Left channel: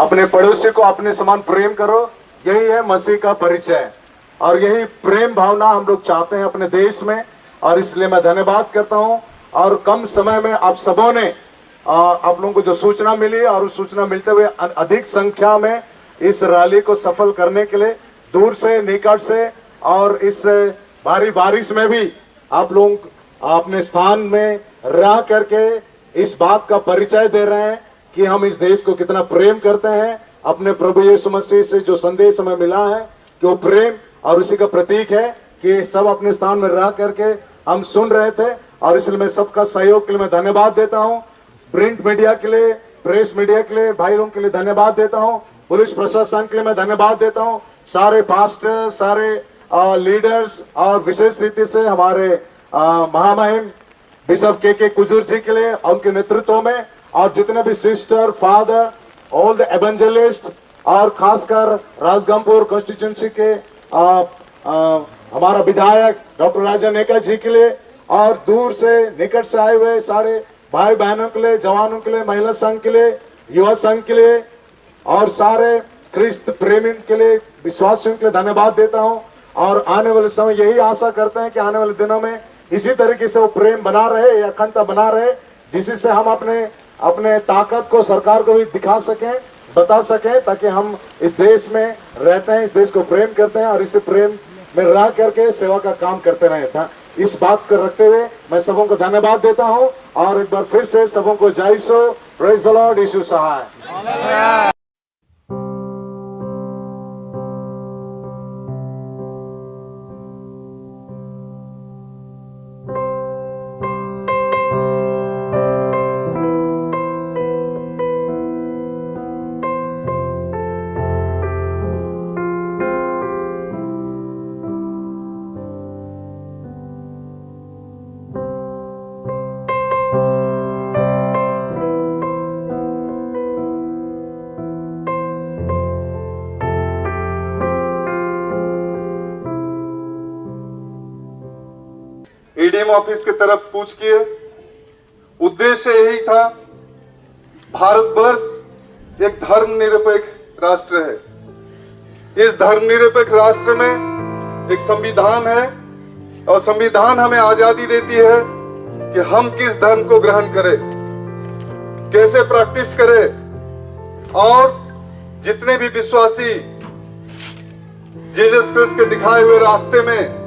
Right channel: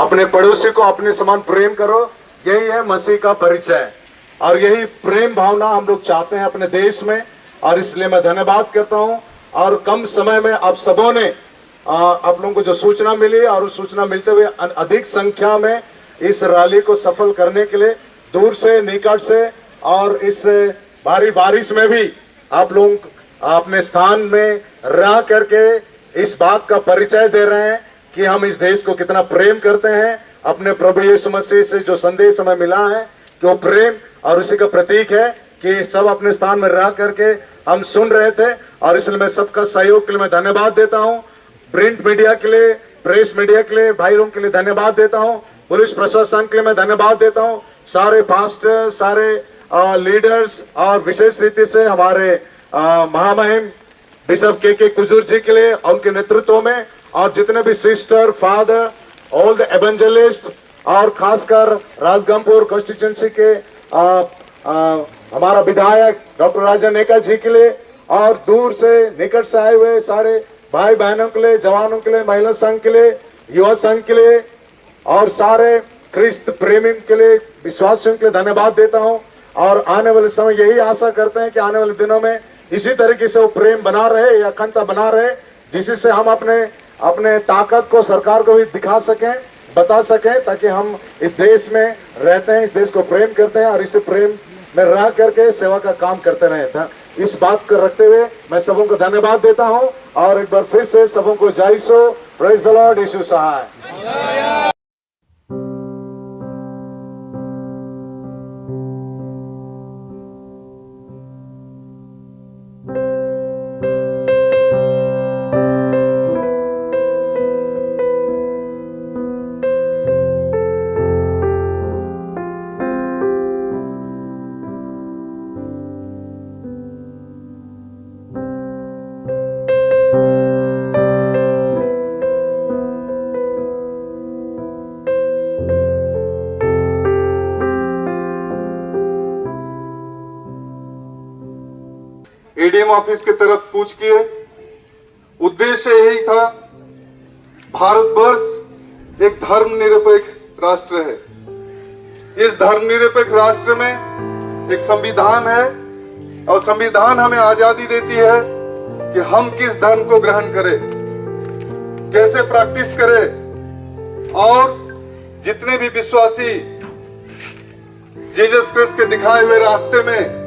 अपने पड़ोसी को अपने समान प्रेम करो, यही है मसीह का परिचय और यही प्रेम भावना हम लोग चाहते हैं अपने देश में। और इसलिए मैं धन्यवाद करता हूं। और कम समय में आप सबों ने आप लोगों को जो सूचना मिली और उस सूचना मिलते हुए अधिक संख्या में इस रैली को सफल करने के लिए दूर से निकट से और इस भारी बारिश में भी आप लोग अपने स्थान में रह करके इस बात का परिचय दे रहे हैं कि हम इस देश को कितना प्रेम करते हैं। अपने प्रभु यीशु मसीह से जो संदेश हमें मिला है कि वो प्रेम और उसी का प्रतीक है कि सब अपने स्थान में रह करके हम सुन रहे थे। और इसलिए मैं सबका सहयोग के लिए मैं धन्यवाद देता हूं। प्रिंट मीडिया के लिए, प्रेस मीडिया के लिए, भाई लोगों के लिए धन्यवाद देता हूं। पुलिस प्रशासन के लिए मैं धन्यवाद देता हूं। सारे पास्टर, सारे लीडर्स और विशेष रीति से हमारे महामहिम बिशप के कुजूर जी के लिए उनके नेतृत्व में, और जितने भी sister, father, all the evangelist और खासकर राजगंगपुर कॉन्स्टिट्यूंसी के हमारा विधायक डॉक्टर राजा नेका जी के लिए, और दूर से निकट से आए हुए सारे भाई बहनों के लिए, जवानों के लिए, महिला संघ के लिए, युवा संघ के लिए और सारे ख्रिस्त प्रेमी के लिए, विश्वासियों के लिए धन्यवाद देता हूं। और आने वाले समय यही आशा करते हैं कि आने वाले दिनों में इसी तरीके से वो प्रेम बना रहे, अखंडता बना रहे, जिससे हम अपने ताकत को सरकार को भी दिखा सकें, बता सकें, ताकि हम इस देश में रहते हैं, इस देश को प्रेम करते हैं और इसी प्रेम में रह करके सेवा का काम करते रहे था। इस बात को रखते हुए मैं सबों को धन्यवाद देता हूं और एक बार फिर से सबों को जय सो, प्रेज द लॉर्ड, यीशु सहाय। एडीएम ऑफिस की तरफ कूच किए। उद्देश्य यही था, भारतवर्ष एक धर्मनिरपेक्ष राष्ट्र है। इस धर्मनिरपेक्ष राष्ट्र में एक संविधान है और संविधान हमें आजादी देती है कि हम किस धर्म को ग्रहण करें, कैसे प्रैक्टिस करें, और जितने भी विश्वासी जीसस क्रिस्ट के दिखाए हुए रास्ते में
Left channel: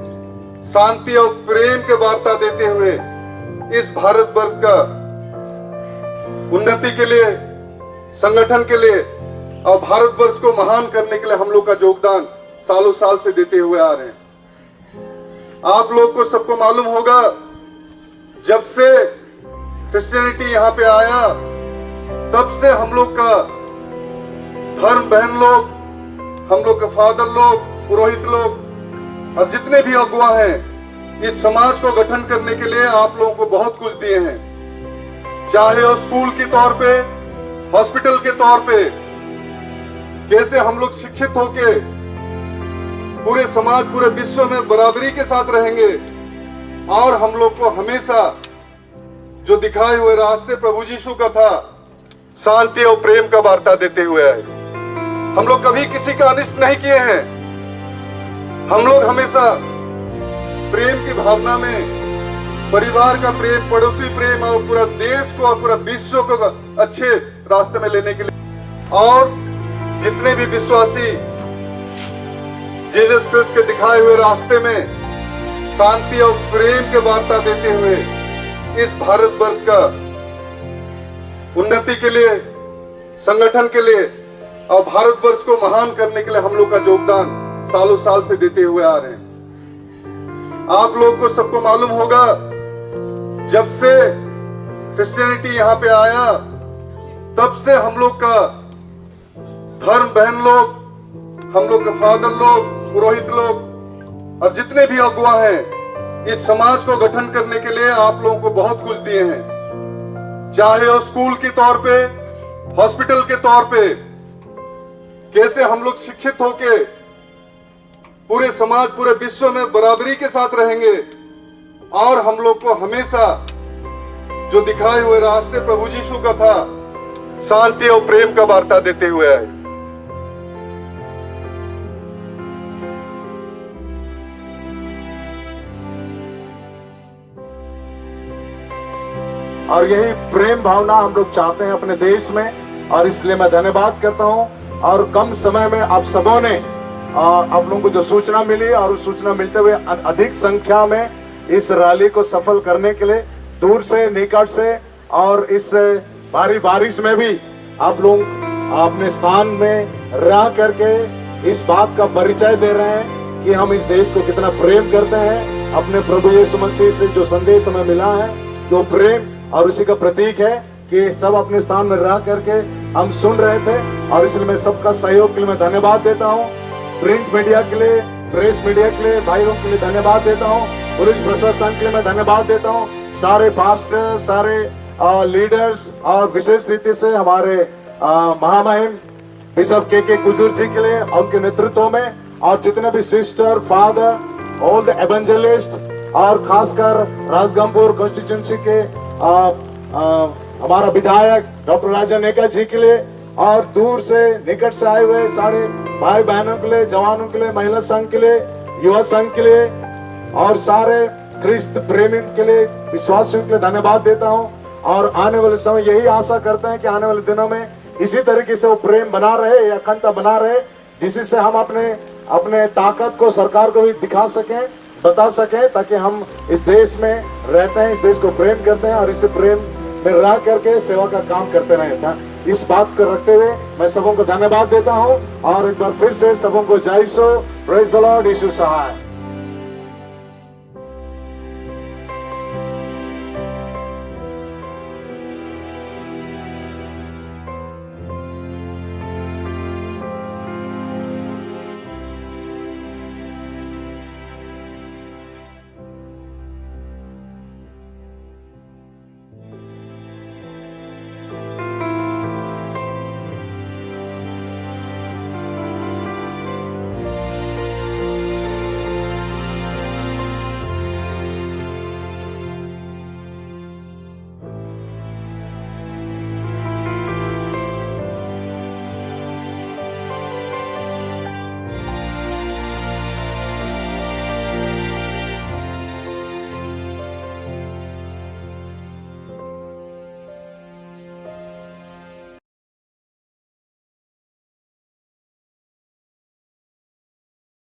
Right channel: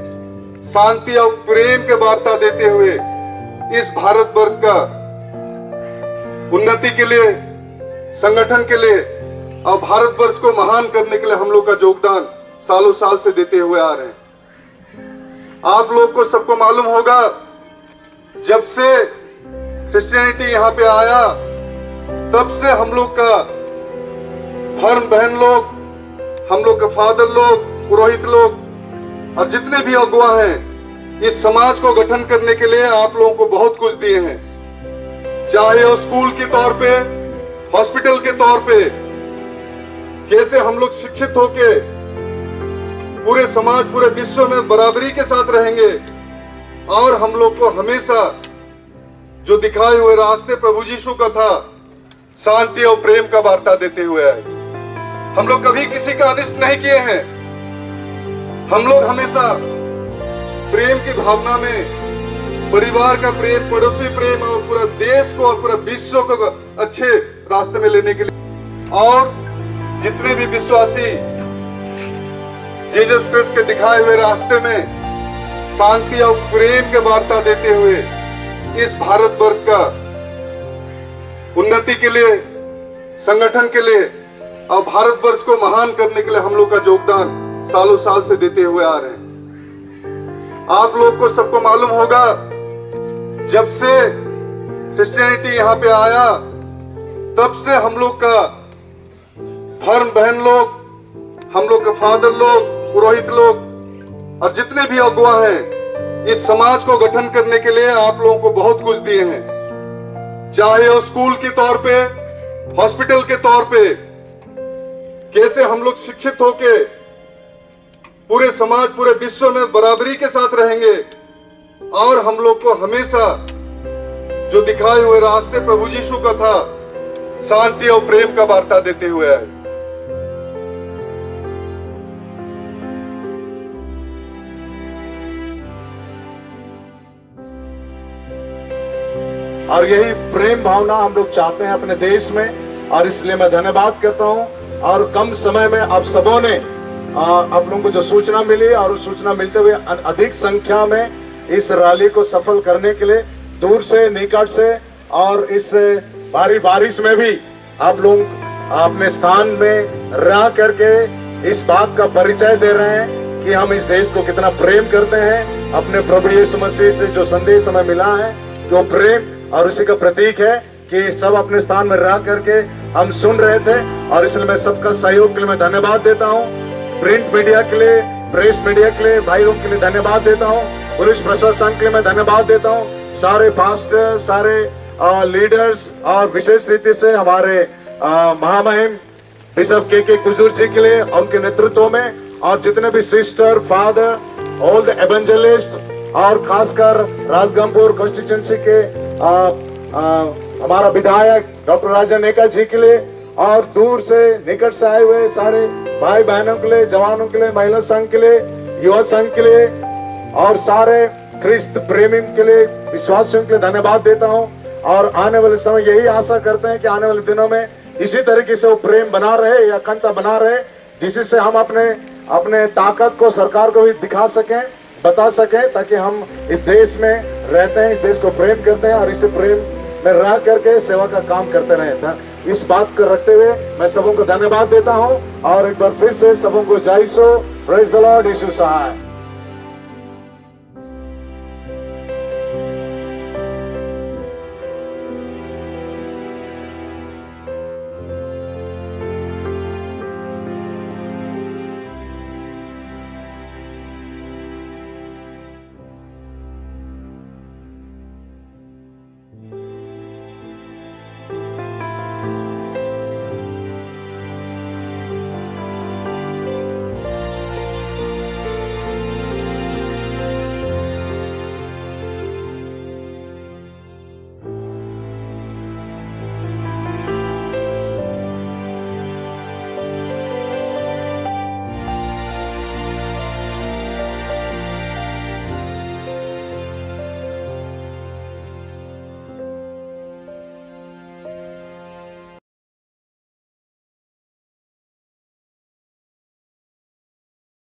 शांति और प्रेम के वार्ता देते हुए इस भारतवर्ष का उन्नति के लिए, संगठन के लिए और भारतवर्ष को महान करने के लिए हम लोग का योगदान सालों साल से देते हुए आ रहे हैं। आप लोग को सबको मालूम होगा, जब से क्रिश्चियनिटी यहाँ पे आया तब से हम लोग का धर्म बहन लोग, हम लोग के फादर लोग, पुरोहित लोग और जितने भी अगुवा हैं, इस समाज को गठन करने के लिए आप लोगों को बहुत कुछ दिए हैं। चाहे वो स्कूल के तौर पे, हॉस्पिटल के तौर पे, कैसे हम लोग शिक्षित होके पूरे समाज, पूरे विश्व में बराबरी के साथ रहेंगे, और हम लोग को हमेशा जो दिखाए हुए रास्ते प्रभु यीशु का था, शांति और प्रेम का वार्ता देते हुए आए। हम लोग कभी किसी का अनिष्ट नहीं किए हैं। हम लोग हमेशा प्रेम की भावना में, परिवार का प्रेम, पड़ोसी प्रेम और पूरा देश को और पूरा विश्व को अच्छे रास्ते में लेने के लिए, और जितने भी विश्वासी जीसस क्रिस्ट के दिखाए हुए रास्ते में शांति और प्रेम के वार्ता देते हुए इस भारतवर्ष का उन्नति के लिए, संगठन के लिए और भारतवर्ष को महान करने के लिए हम लोग का योगदान सालों साल से देते हुए आ रहे हैं। आप लोग को सबको मालूम होगा, जब से क्रिश्चियनिटी यहाँ पे आया तब से हम लोग का धर्म बहन लोग, हम लोग के फादर लोग, पुरोहित लोग और जितने भी अगुवा हैं, इस समाज को गठन करने के लिए आप लोगों को बहुत कुछ दिए हैं। चाहे वो स्कूल के तौर पे, हॉस्पिटल के तौर पे, कैसे हम लोग शिक्षित होके पूरे समाज, पूरे विश्व में बराबरी के साथ रहेंगे, और हम लोग को हमेशा जो दिखाए हुए रास्ते प्रभु यीशु का था, शांति और प्रेम का वार्ता देते हुए आए। और यही प्रेम भावना हम लोग चाहते हैं अपने देश में, और इसलिए मैं धन्यवाद करता हूं। और कम समय में आप सबों ने आप लोगों को जो सूचना मिली, और उस सूचना मिलते हुए अधिक संख्या में इस रैली को सफल करने के लिए दूर से निकट से और इस भारी बारिश में भी आप लोग अपने स्थान में रह करके इस बात का परिचय दे रहे हैं कि हम इस देश को कितना प्रेम करते हैं। अपने प्रभु यीशु मसीह से जो संदेश हमें मिला है, जो प्रेम, और उसी का प्रतीक है कि सब अपने स्थान में रह करके हम सुन रहे थे। और इसलिए मैं सबका सहयोग के लिए मैं धन्यवाद देता हूँ। प्रिंट मीडिया के लिए, प्रेस मीडिया के लिए, भाइयों के लिए धन्यवाद देता हूँ। पुलिस प्रशासन के लिए मैं धन्यवाद देता हूँ। सारे पास्टर, सारे लीडर्स, और विशेष रीति से हमारे महामहिम बिशप के कुजूर जी के लिए, उनके नेतृत्व में, और जितने भी sister, father, all the evangelist, और खासकर राजगंगपुर कॉन्स्टिट्यूंसी के हमारा विधायक डॉक्टर राजा नेका जी के लिए, और दूर से निकट से आए हुए सारे भाई बहनों के लिए, जवानों के लिए, महिला संघ के लिए, युवा संघ के लिए, और सारे ख्रिस्त प्रेमी के लिए, विश्वासियों के लिए धन्यवाद देता हूं। और आने वाले समय यही आशा करते हैं कि आने वाले दिनों में इसी तरीके से वो प्रेम बना रहे, अखंडता बना रहे, जिससे हम अपने ताकत को सरकार को भी दिखा सकें, बता सकें, ताकि हम इस देश में रहते हैं, इस देश को प्रेम करते हैं, और इसे प्रेम में रह करके सेवा का काम करते रहे। इस बात को रखते हुए मैं सबों को धन्यवाद देता हूं, और एक बार फिर से सबों को जय Yeshu, praise the Lord, Yeshu Sahay.